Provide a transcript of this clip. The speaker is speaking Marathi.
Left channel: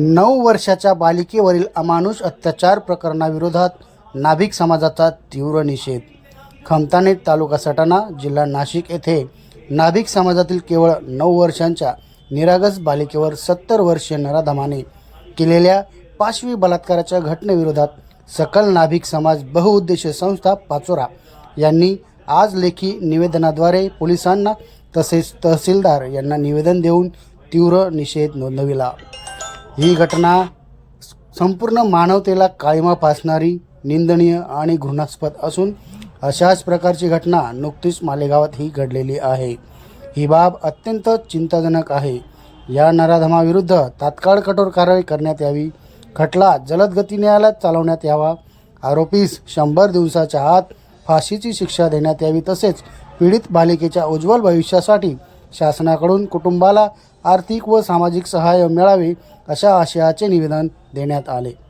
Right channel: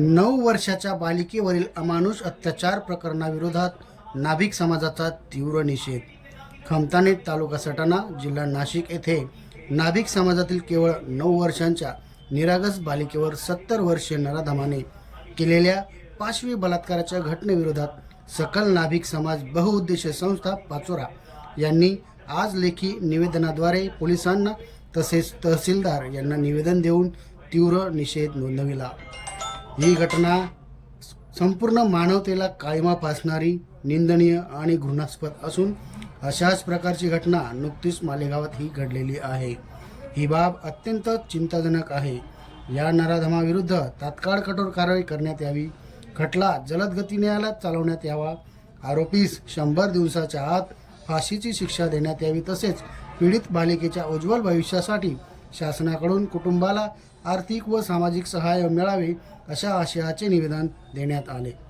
नऊ वर्षाच्या बालिकेवरील अमानुष अत्याचार प्रकरणाविरोधात नाभिक समाजाचा तीव्र निषेध. खमताने तालुका सटाणा जिल्हा नाशिक येथे नाभिक समाजातील केवळ नऊ वर्षांच्या निरागस बालिकेवर सत्तर वर्षीय नराधमाने केलेल्या पाशवी बलात्काराच्या घटनेविरोधात सकल नाभिक समाज बहुउद्देशीय संस्था पाचोरा यांनी आज लेखी निवेदनाद्वारे पोलिसांना तसेच तहसीलदार यांना निवेदन देऊन तीव्र निषेध नोंदविला. ही घटना संपूर्ण मानवतेला काळीमा फासणारी निंदनीय आणि घृणास्पद असून अशाच प्रकारची घटना नुकतीच मालेगावात ही घडलेली आहे. ही बाब अत्यंत चिंताजनक आहे. या नराधमाविरुद्ध तात्काळ कठोर कारवाई करण्यात यावी. खटला जलद गती न्यायालयात चालवण्यात यावा. आरोपीस शंभर दिवसाच्या आत फाशीची शिक्षा देण्यात यावी तसेच पीडित बालिकेच्या उज्ज्वल भविष्यासाठी शासनाकडून कुटुंबाला आर्थिक व सामाजिक सहाय्य मिळावे अशा आशयाचे निवेदन देण्यात आले.